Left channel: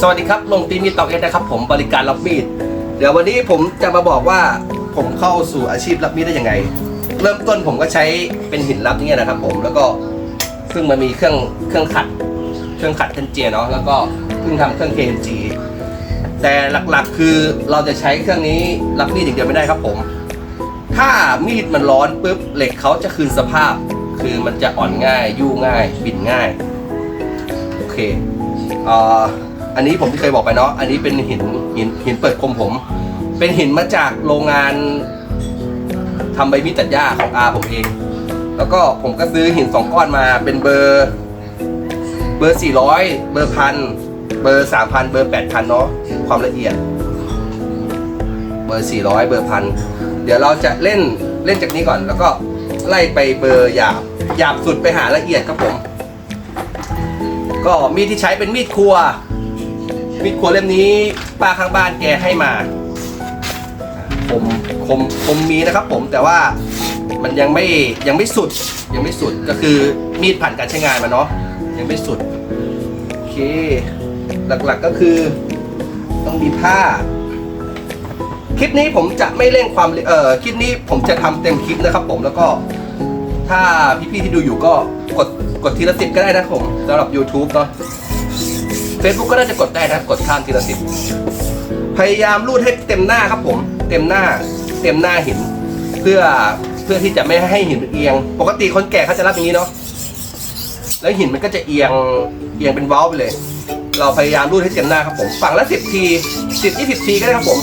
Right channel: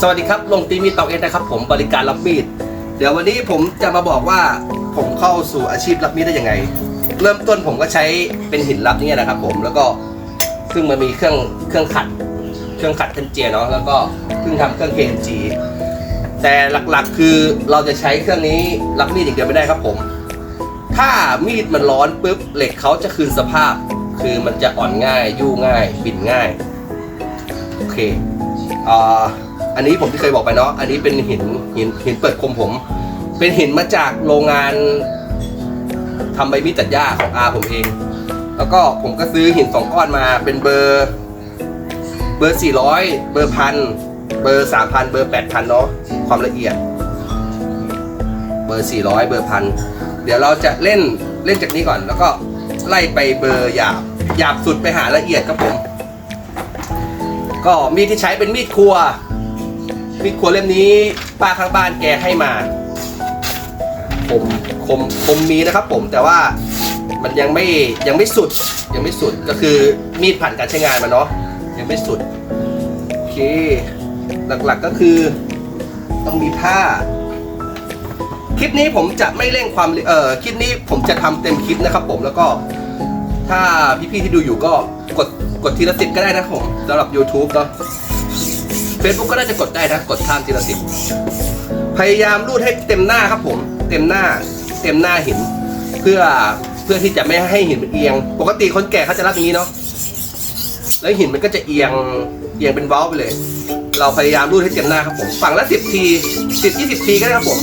สวัสดีครับลงตีมีดตอกเอ็นนะครับ ผมบริการรับมีด เดี๋ยววันนี้ผมจะมาบอกว่าผมเข้าสู่อาชีพรับมีดได้ยังไง เริ่มต้นผมก็ใช้เป็นหินรับนี่นะครับ ผมแล้วก็เพิ่งมามีเครื่องเครื่องขัด เครื่องขัดเทนเจียเนาะแล้วก็เพิ่งทำเครื่อง KNG แต่หลักๆคือเราจะใช้เครื่องนี้รับมีดอย่างเดียวไม่ได้ครับผม ถ้ามีดมันร้อนปุ๊บเหล็กเขาจะคืนสภาพ คือมันจะอ่อนง่าย ยู่ง่าย บินง่ายโอเคอ่อ อันนี้ผมที่เคยบอกไปเนาะอันนี้เป็นหินหินหินเปิดคมผม เป็นหินมาจากโรงงานทำใบมีดตัดหญ้าของอาผมเอง แล้วก็ผมก็ซื้อหินสองก้อนมาเป็นเบอร์ เบอร์400เบอร์พันเบอร์3,000เบอร์8,000เนาะความละเอียด เบอร์400เบอร์พันเดี๋ยวเราจะเล่นเล่นจากนี้ก่อน แล้วก็ไล่ไปเบอร์หยาบหยาบสุดไปหาละเอียดครับผม ก็มีดที่ใช้เป็นมีดครัว มีดครัวเล่มนี้ป้าข้างบ้านแกให้มา คมคมคมมีนะครับ ผมแต่ว่ามันยังไม่ยังไม่สุดยังไม่สุดก็คือมีดผ่านการใช้งานมาเนาะยังไม่สุดโอเค หลักๆก็คือต้องมีผ้า คลิปนี้ผมจะไม่เร่งความเออคลิปนี้ผมจะทำเต็มคลิปนะครับ ผมแล้วก็ถ้าพี่ๆที่ดูอยู่ก็กดกดทีละสิบก็ได้นะผมสำหรับ YouTube เนาะ Facebook ก็น่าจะกดได้นะกดข้ามทีละสิบพยายามรูดให้เต็มหน้าครับผม เต็มหน้า เต็มหน้าหิน เพื่อเพื่อที่จะไม่ให้หินเอียง ปกติคนแก่เขาจะรับอย่างนี้เนาะแล้วหินมันก็จะเอียงเอียงเป็นเว้าไปเลย เราพยายามรูดให้เต็มหน้าครับผม ฝั่งละสิบทีสิบยี่สิบทีก็ได้ครับผม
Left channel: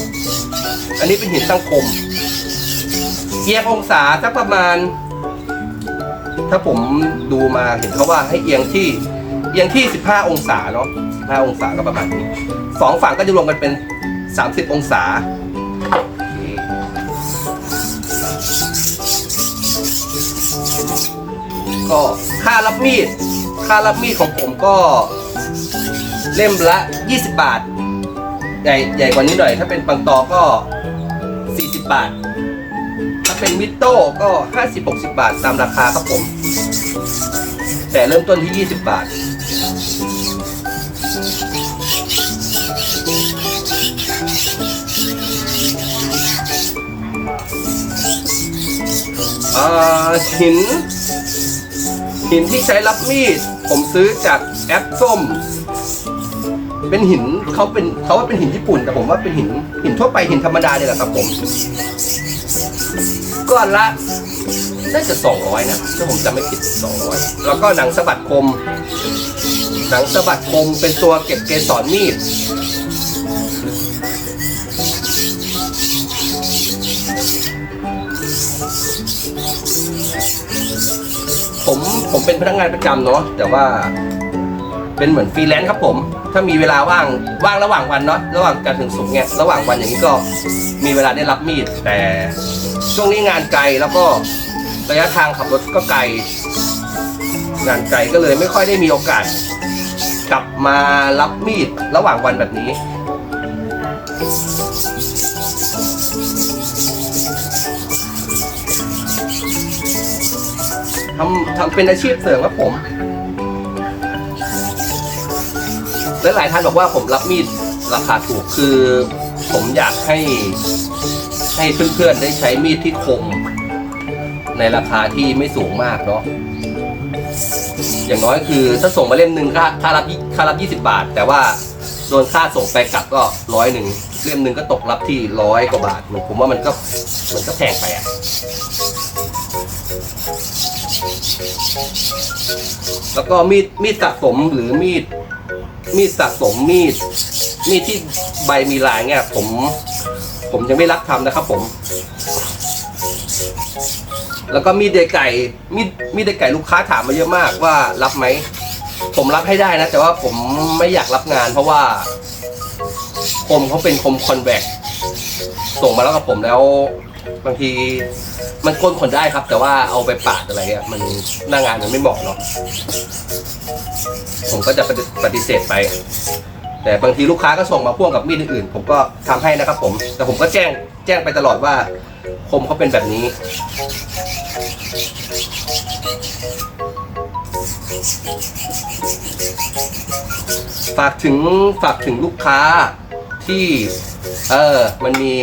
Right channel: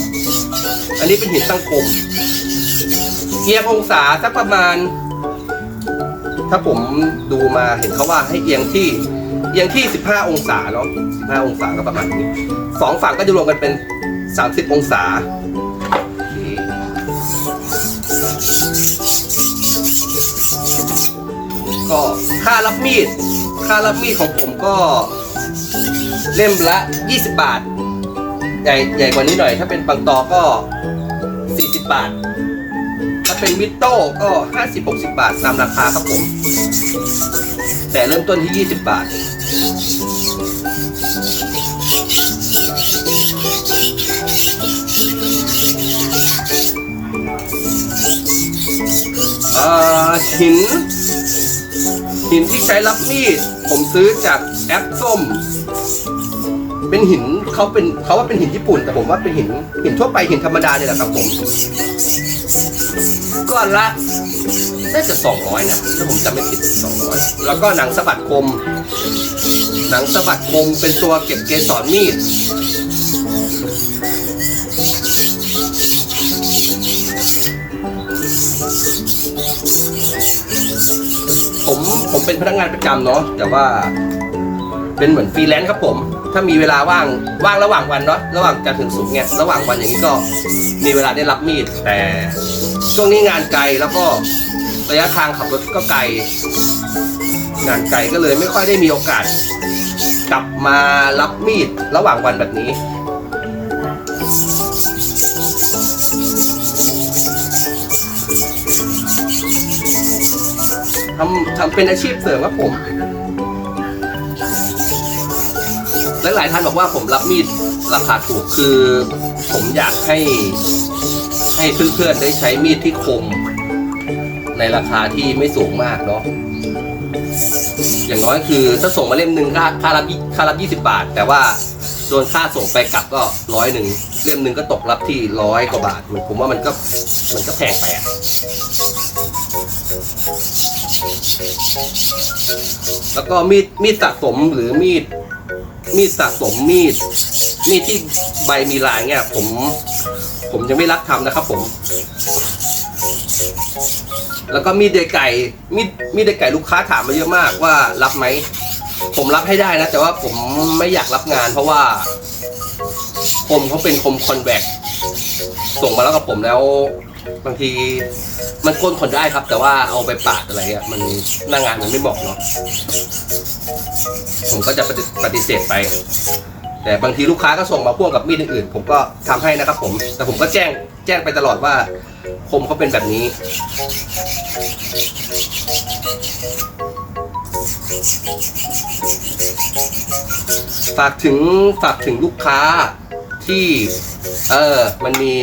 อันนี้เป็นหินตั้งคมเอียงองศาสักประมาณ ถ้าผมดูมาเห็นเขาว่าให้เอียงที่ เอียงที่ 15 องศาเนาะ15 องศาก็ประมาณนี้สองฝั่งก็จะรวมกันเป็น 30 องศาก็ค่ารับมีด ค่ารับมีดของผมก็เล่มละ 20 บาท ใหญ่ใหญ่กว่านี้หน่อย ถ้าเป็นปังตอก็ 40 บาท ถ้าเป็นมิโต้ก็ 50-60 บาทตามราคาครับผม แต่เริ่มต้นที่ 20 บาท หิน หินที่ใช้รับมีด ผมซื้อจากแอปส้ม เป็นหินเขาเป็นเขาว่าเป็นหินญี่ปุ่น แต่ผมว่าเป็นหินหินทั่วไปหินธรรมดาเนี่ยแหละครับผมก้อนละน่าจะ200นะถ้าผมจำไม่ผิด200แล้วก็หนังสะบัดคม หนังสะบัดคมเป็นตัวเก็บเกสรมีด ผมเป็นพนักงานประจำเนาะแต่ว่า เป็นเหมือนฟรีแลนซ์ครับผม ถ้ามีเวลาว่างว่างระหว่างวันเนาะระหว่างจันทร์ถึงศุกร์เนี่ยระหว่างวันอย่างนี้ก็มีเวลาได้รับมีด แต่ช่วงนี้งานไกลแล้วก็ระยะทางขับรถก็ไกล งานไกลก็เลยไม่ค่อยได้มีโอกาส กลับมารับมีดระหว่างวันแบบนี้ ทำทำเป็นอาชีพเสริมครับผม และหลายท่านบอกว่าผมรับมีดราคาถูกคือผมอยากให้ให้เพื่อนๆได้ใช้มีดที่คม ในราคาที่ไม่สูงมากเนาะอย่างน้อยคือถ้าส่งมาเล่มหนึ่งค่าค่ารับค่ารับ20บาท แต่ว่าโดนค่าส่งไปกลับก็ร้อยหนึ่งเล่มหนึ่งก็ตกรับที่ร้อยกว่าบาทผมว่ามันก็มันก็แพงไปอะ แล้วก็มีดมีดสะสมหรือมีด มีดสะสมมีด มีดที่ใบมีลายเนี่ยผม ผมยังไม่รับทำนะครับผม แล้วก็มีดเดยไก่ มีดมีดเดยไก่ลูกค้าถามมาเยอะมากว่ารับไหม ผมรับให้ได้นะ แต่ว่าผมไม่อยากรับงาน เพราะว่าคมเขาเป็นคมคอนแวคส่งมาแล้วกับผมแล้ว บางทีมันก้นคนได้ครับ แต่ว่าเอาไปปาดอะไรเงี้ยมันหน้างานมันไม่เหมาะเนาะผมก็จะปฏิปฏิเสธไป แต่บางทีลูกค้าก็ส่งมาพ่วงกับมีดอื่นๆผมก็ทำให้นะครับ ผม แต่ผมก็แจ้งแจ้งไปตลอดว่าคมเขาเป็นแบบนี้ ฝากถึงฝากถึงลูกค้า ที่เออมันมี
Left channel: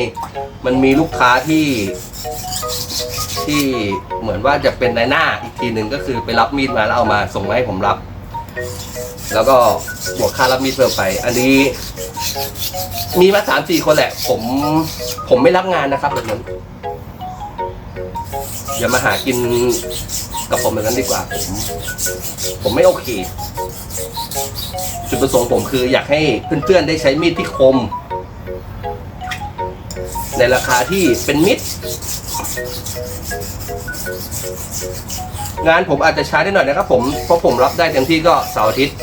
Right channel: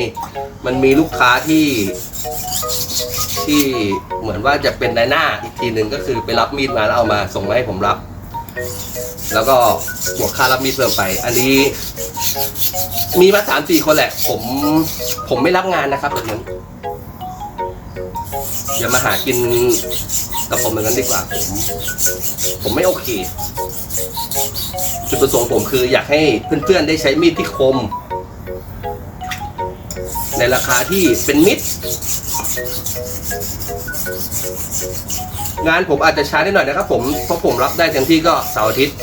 มันมีลูกค้าที่ ที่เหมือนว่าจะเป็นนายหน้าอีกทีหนึ่งก็คือไปรับมีดมาแล้วเอามาส่งมาให้ผมรับ แล้วก็บวกค่ารับมีดเพิ่มไป อันนี้ มีมาสามสี่คนแหละ ผมผมไม่รับงานนะครับแบบนั้น อย่ามาหากินกับผมอย่างนั้นดีกว่าผมผมไม่โอเค จุดประสงค์ผมคืออยากให้เพื่อนๆได้ใช้มีดที่คม ในราคาที่เป็นมิตรงานผมอาจจะช้าได้หน่อยนะครับผมเพราะผมรับได้เต็มที่ก็เสาร์อาทิตย์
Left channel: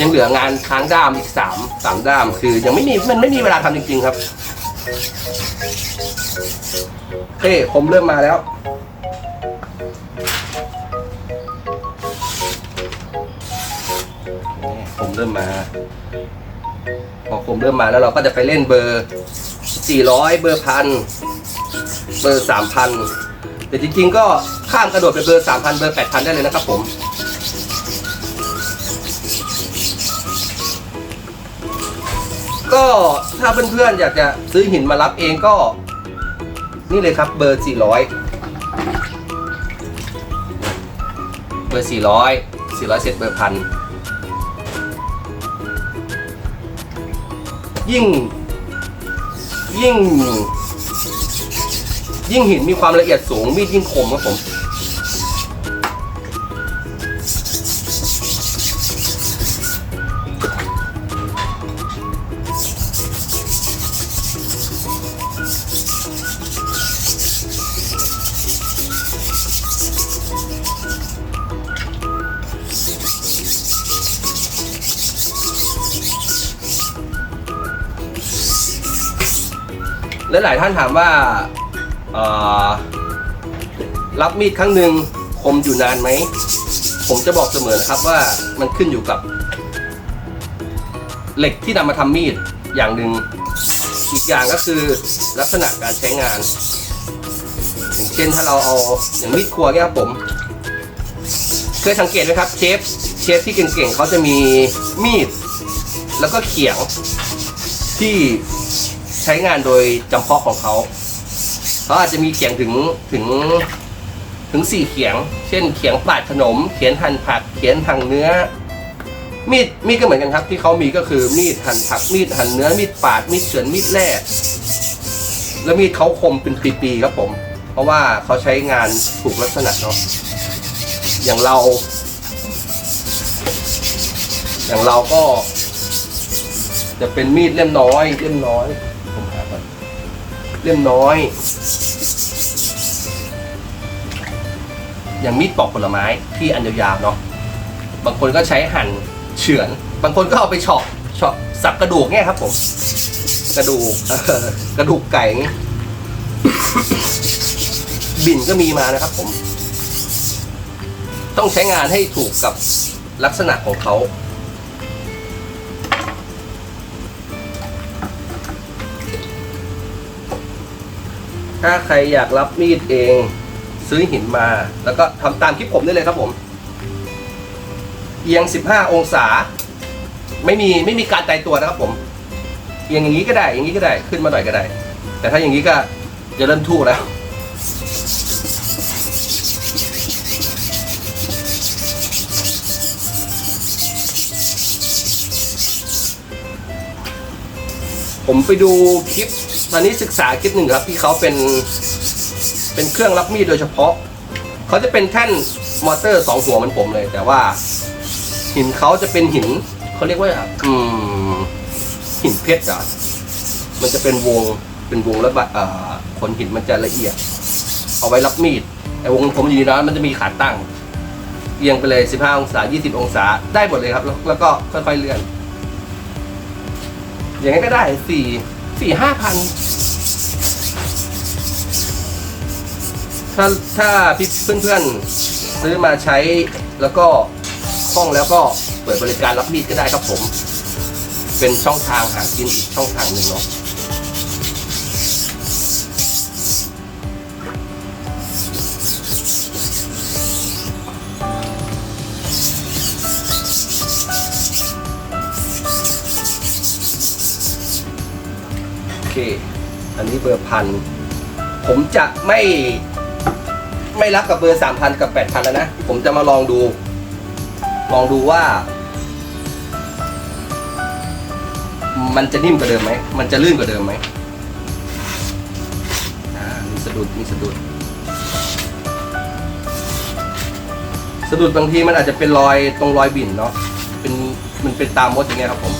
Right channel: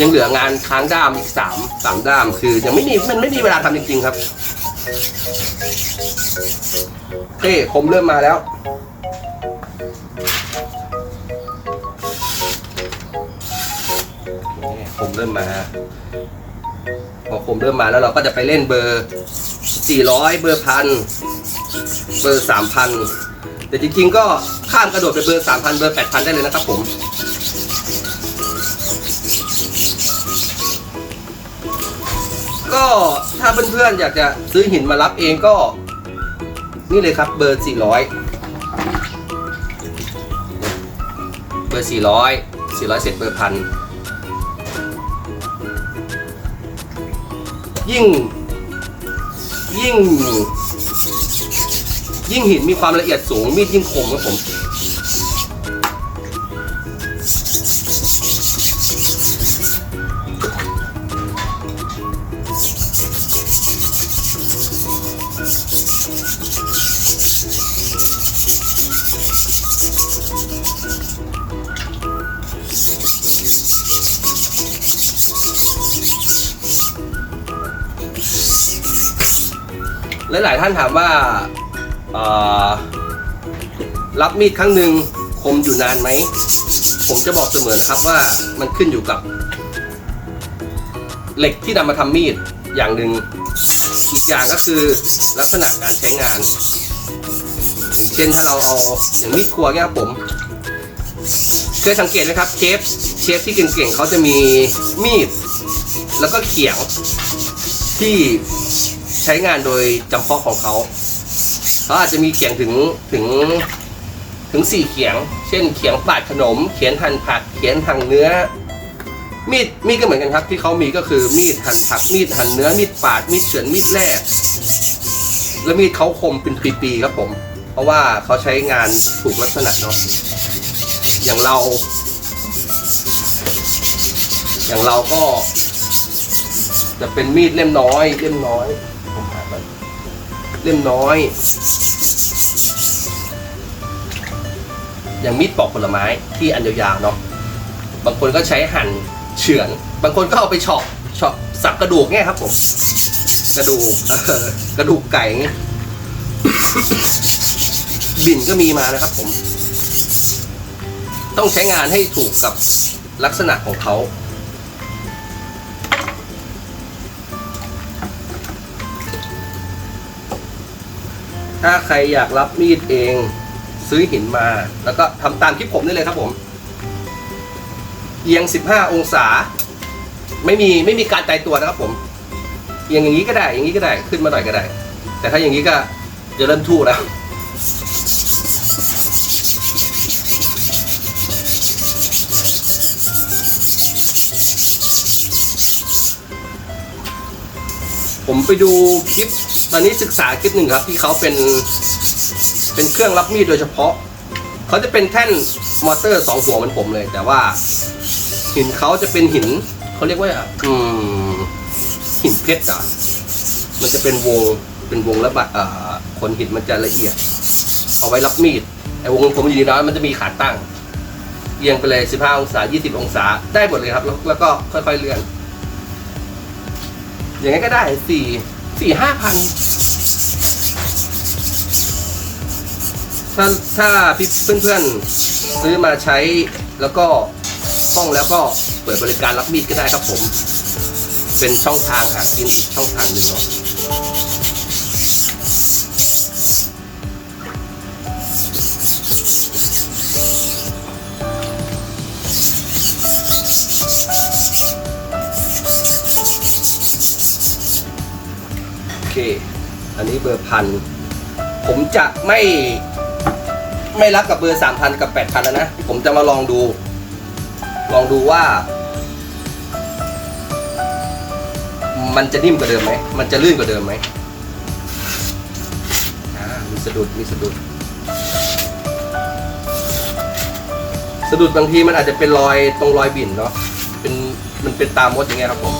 ยังเหลืองานค้างด้ามสามสามด้าม คือยังไม่มีมันไม่มีเวลาทำจริงๆครับ เคผมเริ่มมาแล้ว ผมเริ่มมา พอผมเริ่มมาแล้วเราก็จะไปเล่นเบอร์ 400 เบอร์พัน เบอร์ 3,000 แต่จริงๆก็ข้ามกระโดดไปเบอร์ 3,000 เบอร์ 8,000 ได้เลยนะครับผมก็ ถ้าเพื่อนๆอยากจะซื้อหินมารับเองก็ นี่เลยครับเบอร์ 400 เบอร์ 400 400 เสร็จเบอร์พันยิ่ง ยิ่ง ยิ่งหินมีความละเอียดสูงมีดยิ่งคมครับผม มีดครั้งหนึ่งคมอยู่นานไหม ผมจะบอกเสมอนะครับว่ามันขึ้นอยู่กับ เหล็กที่นำมาทำมีดอย่างหนึ่งอีกอย่างก็คือลักษณะการใช้งาน อย่างเช่นถ้าเราเอาอย่างมีดครัวเนี่ยครับผมเคยสังเกตไหมครับเชฟเชฟที่เก่งๆเขาจะมีมีด แล้วก็เขียงที่ใช้งานโดยจำเพาะของเขาเขาอาจจะมีเขียงถึงถึง ถึงสี่เขียง เช่นเขียงปาดขนม เขียนหั่นผัก เขียนหั่นเนื้อ มีดมีดก็เหมือนกันครับ ที่เขามีก็คือมีดหั่นผัก มีดหั่นเนื้อ มีดปาด มีดเฉือน มีดแร่แล้วมีดเขาคมเป็นปีๆครับผม เพราะว่าเขาใช้งานถูกลักษณะเนาะ อย่างเรา อย่างเราก็ จะเป็นมีดเล่มน้อย เล่มน้อยผมหาก่อนเล่มน้อย อย่างมีดปอกผลไม้ที่อันยาวๆเนาะบางคนก็ใช้หั่นเฉือน บางคนก็เอาไปเฉาะเฉาะสับกระดูกเนี่ยครับผมกระดูกกระดูกไก่เงี้ยบิ่นก็มีมานะครับผม ต้องใช้งานให้ถูกกับลักษณะของเขาถ้าใครอยากรับมีดเอง ซื้อหินมา แล้วก็ทำตามคลิปผมได้เลยครับผม เอียง 15 องศา ไม่มีไม่มีการตายตัวนะครับผม เอียงอย่างนี้ก็ได้ อย่างนี้ก็ได้ขึ้นมาหน่อยก็ได้ แต่ถ้าอย่างนี้ก็จะเริ่มทู่แล้วผมไปดูคลิปตอนนี้ศึกษาคลิปหนึ่งครับ ที่เขาเป็น เป็นเครื่องรับมีดโดยเฉพาะ เขาจะเป็นแท่นมอเตอร์สองหัวเหมือนผมเลย แต่ว่า หินเขาจะเป็นหินเขาเรียกว่าอืมหินเพชรอะมันจะเป็นวงเป็นวงแล้วบัดอ่าขนหินมันจะละเอียด เอาไว้รับมีดไอ้วงผมอยู่ในนั้นมันจะมีขาตั้งเอียงไปเลย 15 องศา 20 องศา ได้หมดเลยครับ แล้วแล้วก็ค่อยๆเลื่อน อย่างนั้นก็ได้สี่สี่ห้าพัน ถ้าถ้าพี่เพื่อนๆซื้อมาใช้แล้วก็คล่องแล้วก็เปิดบริการรับมีดก็ได้ครับผม เป็นช่องทางหากินอีกช่องทางหนึ่งเนาะอันนี้เบอร์พัน ผมจะไม่ ไม่รับกับเบอร์สามพันกับแปดพันแล้วนะ ผมจะมาลองดู ลองดูว่า มันจะนิ่มกว่าเดิมไหม มันจะลื่นกว่าเดิมไหมมีสะดุด มีสะดุด สะดุดบางทีมันอาจจะเป็นรอยตรงรอยบิ่นเนาะ เป็นมันเป็นตามมดอย่างเงี้ยครับผม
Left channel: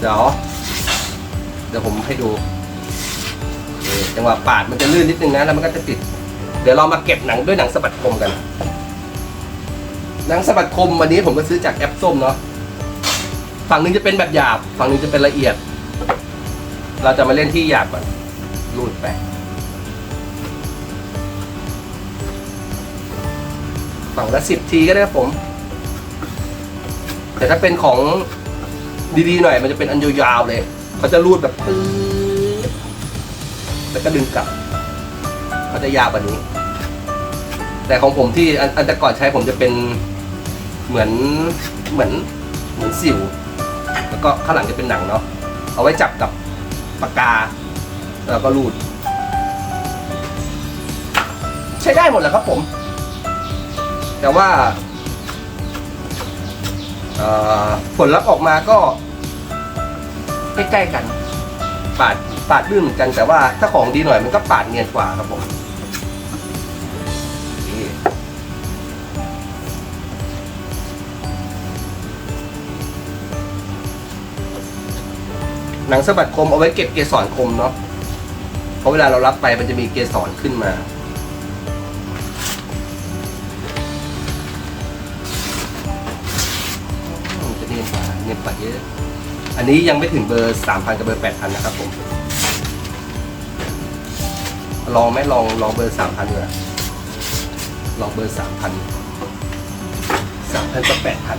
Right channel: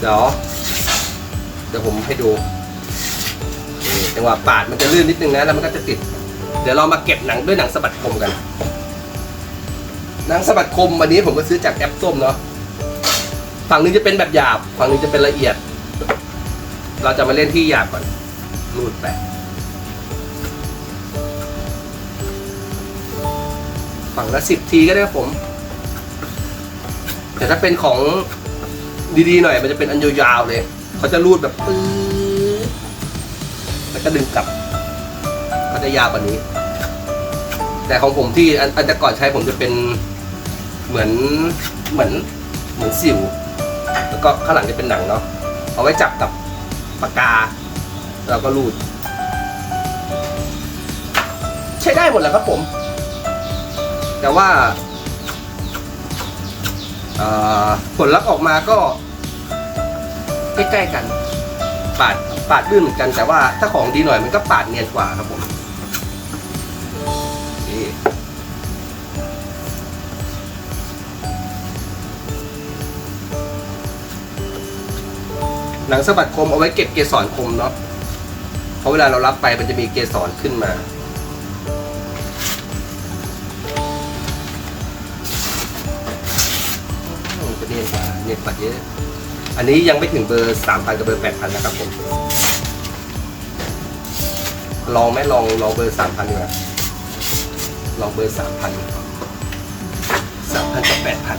เดี๋ยว เดี๋ยวผมให้ดูจังหวะปาดมันจะลื่นนิดนึงนะ แล้วมันก็จะติด ดี๋ยวเรามาเก็บหนังด้วยหนังสะบัดคมกัน หนังสะบัดคมวันนี้ผมก็ซื้อจากแอปส้มเนาะฝั่งนึงจะเป็นแบบหยาบ ฝั่งนึงจะเป็นละเอียด เราจะมาเล่นที่หยาบก่อนรูดไปฝั่งละสิบทีก็ได้ครับผม แต่ถ้าเป็นของดีๆหน่อย มันจะเป็นอันยาวๆเลย เขาจะรูดแบบปื๊ดแล้วก็ดึงกลับ เขาจะยาวกว่านี้ แต่ของผมที่อันอันแต่ก่อนใช้ผมจะเป็นเหมือนเหมือนเหมือนสิว แล้วก็ข้างหลังจะเป็นหนังเนาะเอาไว้จับกับปากกา แล้วก็รูด ใช้ได้หมดแหละครับผม แต่ว่าผลลัพธ์ออกมาก็ใกล้ๆกัน ปาดปาดลื่นเหมือนกันแต่ว่าถ้าของดีหน่อยมันก็ปาดเนียนกว่าครับผม หนังสะบัดคมเอาไว้เก็บเกสรคมเนาะเพราะเวลาเรารับไปมันจะมีเกสรขึ้นมามันจะเนียนกว่าเนียนกว่าเยอะ อันนี้ยังไม่ถึงเบอร์สามพันกับเบอร์แปดพันนะครับผมลองไหมลองลองเบอร์สามพันดีกว่าลองเบอร์สามพันสามพันกับแปดพัน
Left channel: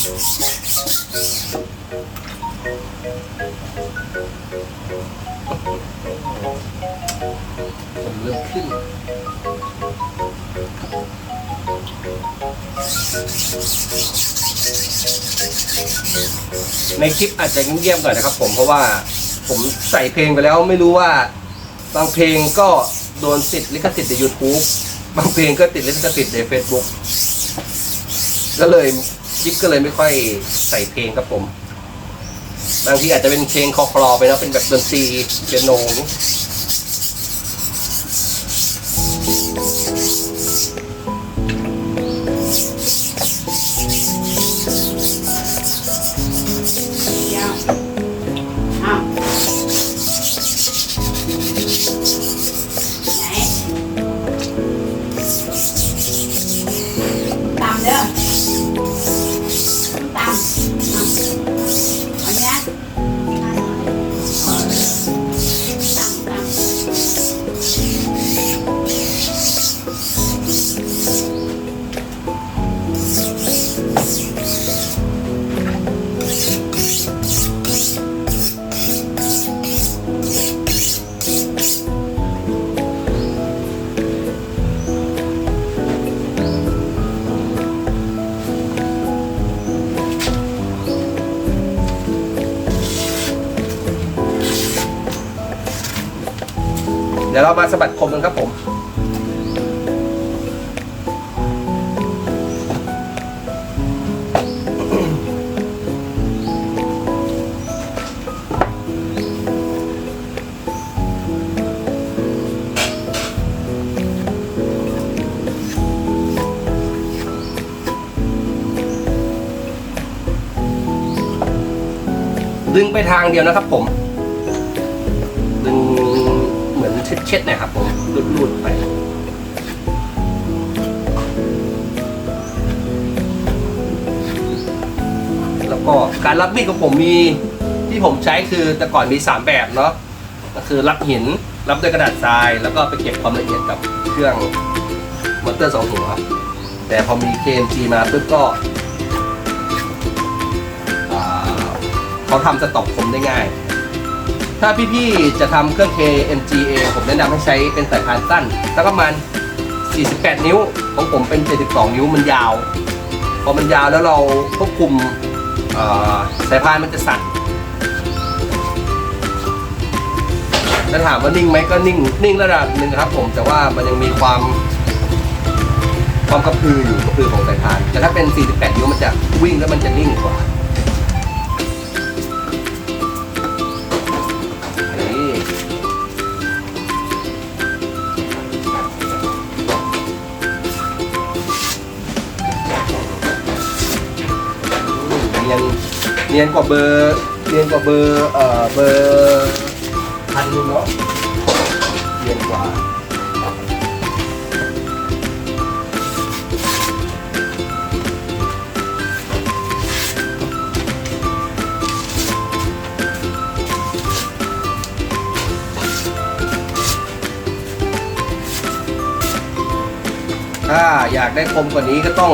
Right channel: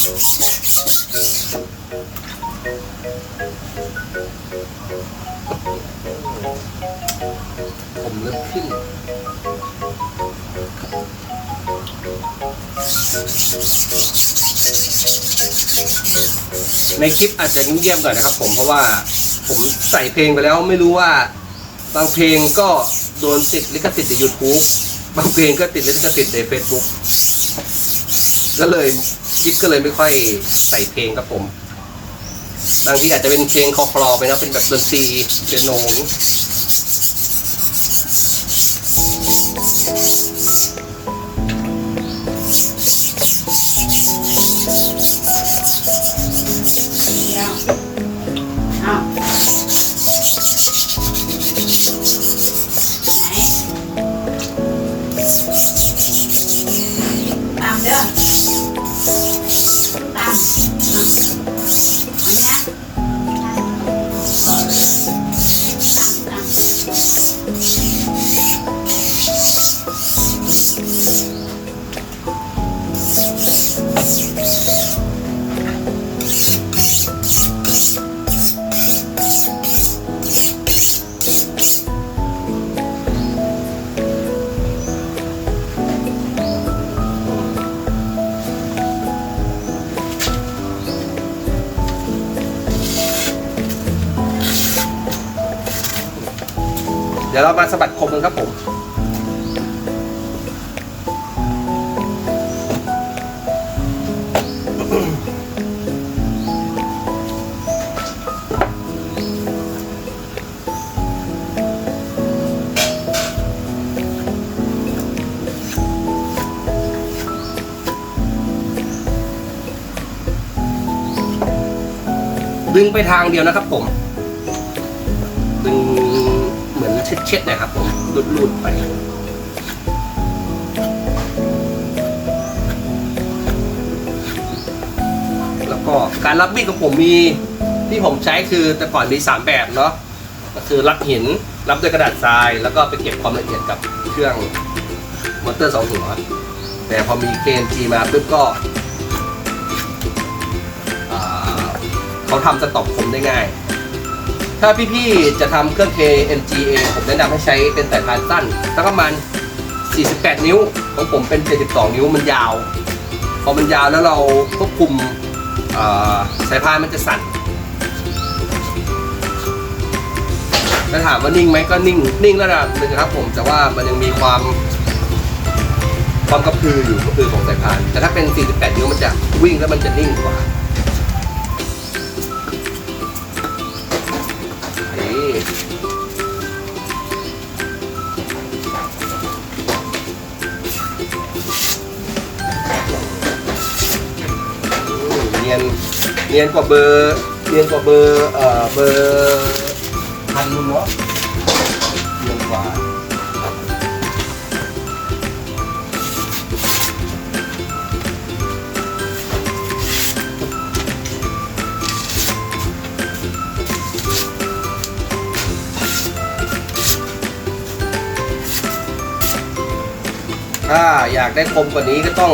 ผมเริ่มขึ้น ในคลิปอาจจะเงียบๆหน่อยนะครับผมเพราะว่าผมใส่เพลงไปแล้วไม่รู้ว่า บางเพลงก็โดนติดลิขสิทธิ์ใน YouTube บางเพลงก็ติดลิขสิทธิ์ใน Facebook ก็เลย คลิปก็เลยไม่ค่อยใส่เพลงครับผม บางทีอาจจะเป็นเพลงคอคลอไปนะเป็นแบบดนตรีเปียโน ไปทางเดียวนะครับผมดึงเหมือนเช็ดๆหนะครับผมรูดๆไปแล้วก็การรับมีดของผมมีที่ผมใช้คือแต่ก่อนมี 3 แบบเนาะก็คือรับหินรับด้วยกระดาษทราย แล้วก็ไปเก็บความละเอียดกับเครื่องมอเตอร์สองหัวแต่พอมี KMG มาปุ๊บก็ เขาทำสต็อปผมได้ง่าย ถ้าพี่ๆจะทำเครื่อง KMG เองผมแนะนำให้ใช้เป็นสายพานสั้นสักประมาณ 48 นิ้ว ของผมเป็น 72 นิ้วมันยาว พอมันยาวแล้วเราควบคุมสายพานมันจะสั่นถ้าถามว่านิ่งไหมก็นิ่งนิ่งระดับหนึ่งนะครับผมแต่ว่ามันยังมีความความกระพืออยู่กระพือของสายพานแต่ถ้าเป็น 48 นิ้วมันจะวิ่งแล้วมันจะนิ่งกว่า เนียนกว่าเบอร์เนียนกว่าเบอร์เอ่อเบอร์พันนึงเนาะเนียนกว่าถ้าอยากได้คมกว่านี้ก็ต้อง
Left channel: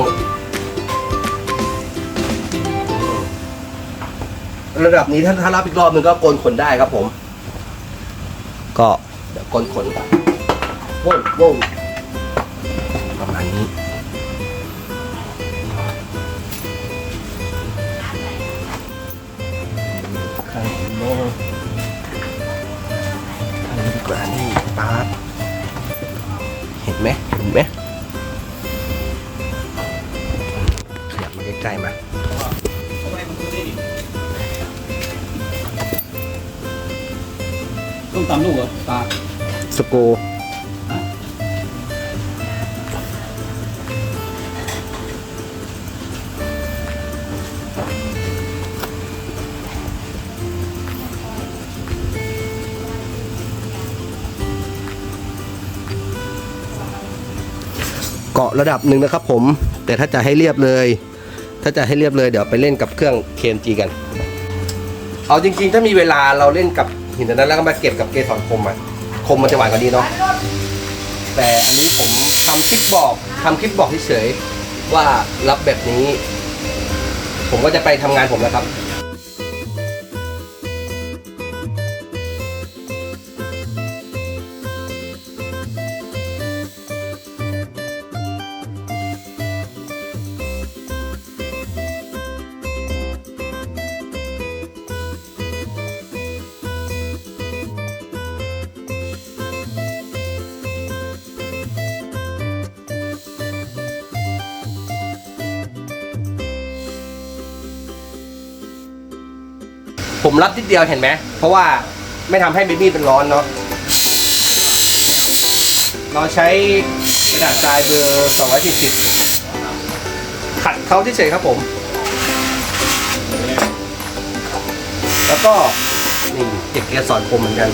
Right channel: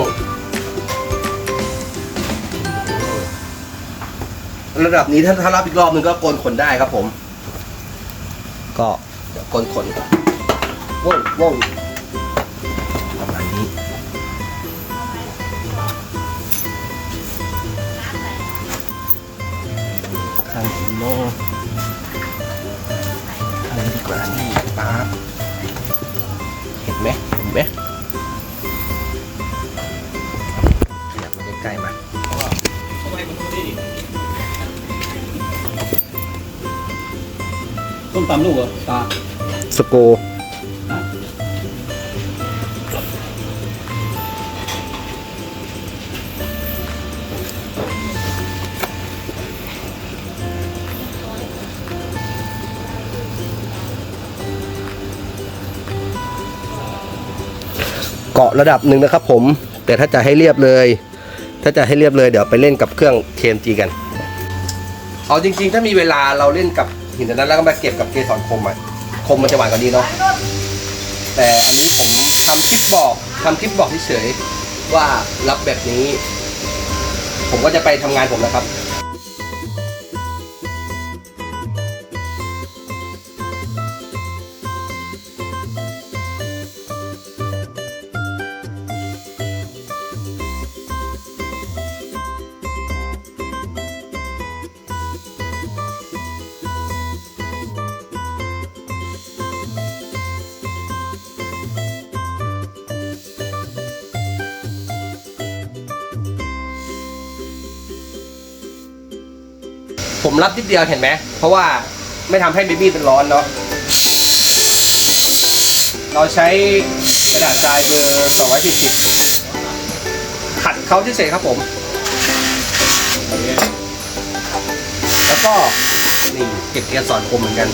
ระดับนี้ถ้าถ้ารับอีกรอบนึงก็โกนขนได้ครับผม ก็เดี๋ยวโกนขนโว้วโว้ว สโกเกาะระดับหนึ่งนะครับผม แต่ถ้าจะให้เรียบเลย ถ้าจะให้เรียบเลยเดี๋ยวไปเล่นกับเครื่อง KMG กัน เอาจริงๆ ถ้ามีเวลาเราเล่นกับหินนนั้นแล้วก็มาเก็บกับเกสรคมอะ คมมันจะหวานกว่านี้เนาะแต่อันนี้ผมทำคลิปบอกทำคลิปบอกเฉยๆว่ารับแบบนี้ ผมก็จะไปทำงานผมแล้วครับ ผมรับนิดเดียวเห็นไหมเพราะว่าไม่ทำให้เบบี้เป็นร้อนเนาะเราใช้กระดาษทรายเบอร์240ขัดเขาเฉยครับผม แล้วก็นี่เก็บเกียร์สอนคมเหมือนกัน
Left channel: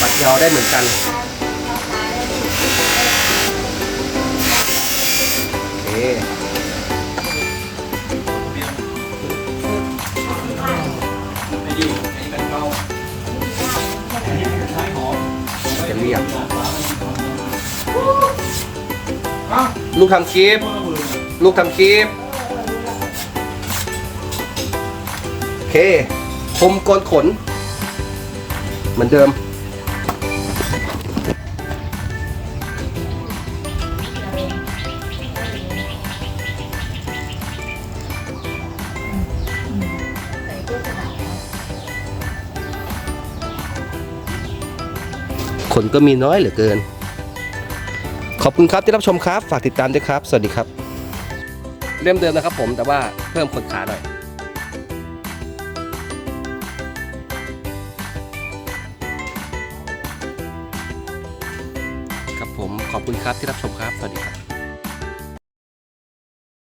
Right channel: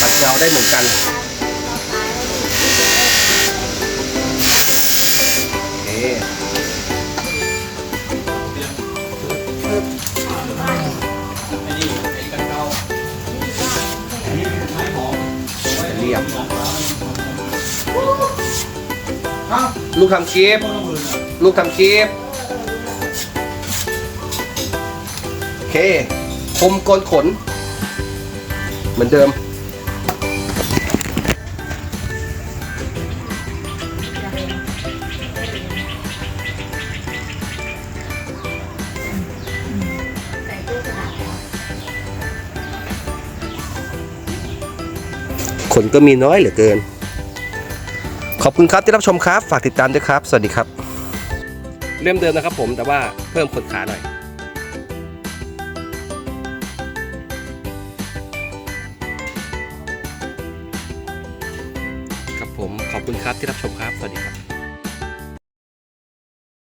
ปัดเงาได้เหมือนกัน ลูกทำคลิป ลูกทำคลิป โอเคคมกนขน เหมือนเดิมคคนก็มีน้อยเหลือเกิน ขอบคุณครับที่รับชมครับ ฝากติดตามด้วยครับ สวัสดีครับ เล่มเดิมนะครับผมแต่ว่าเพิ่มคนขาหน่อยครับผมขอบคุณครับที่รับชมครับ สวัสดีครับ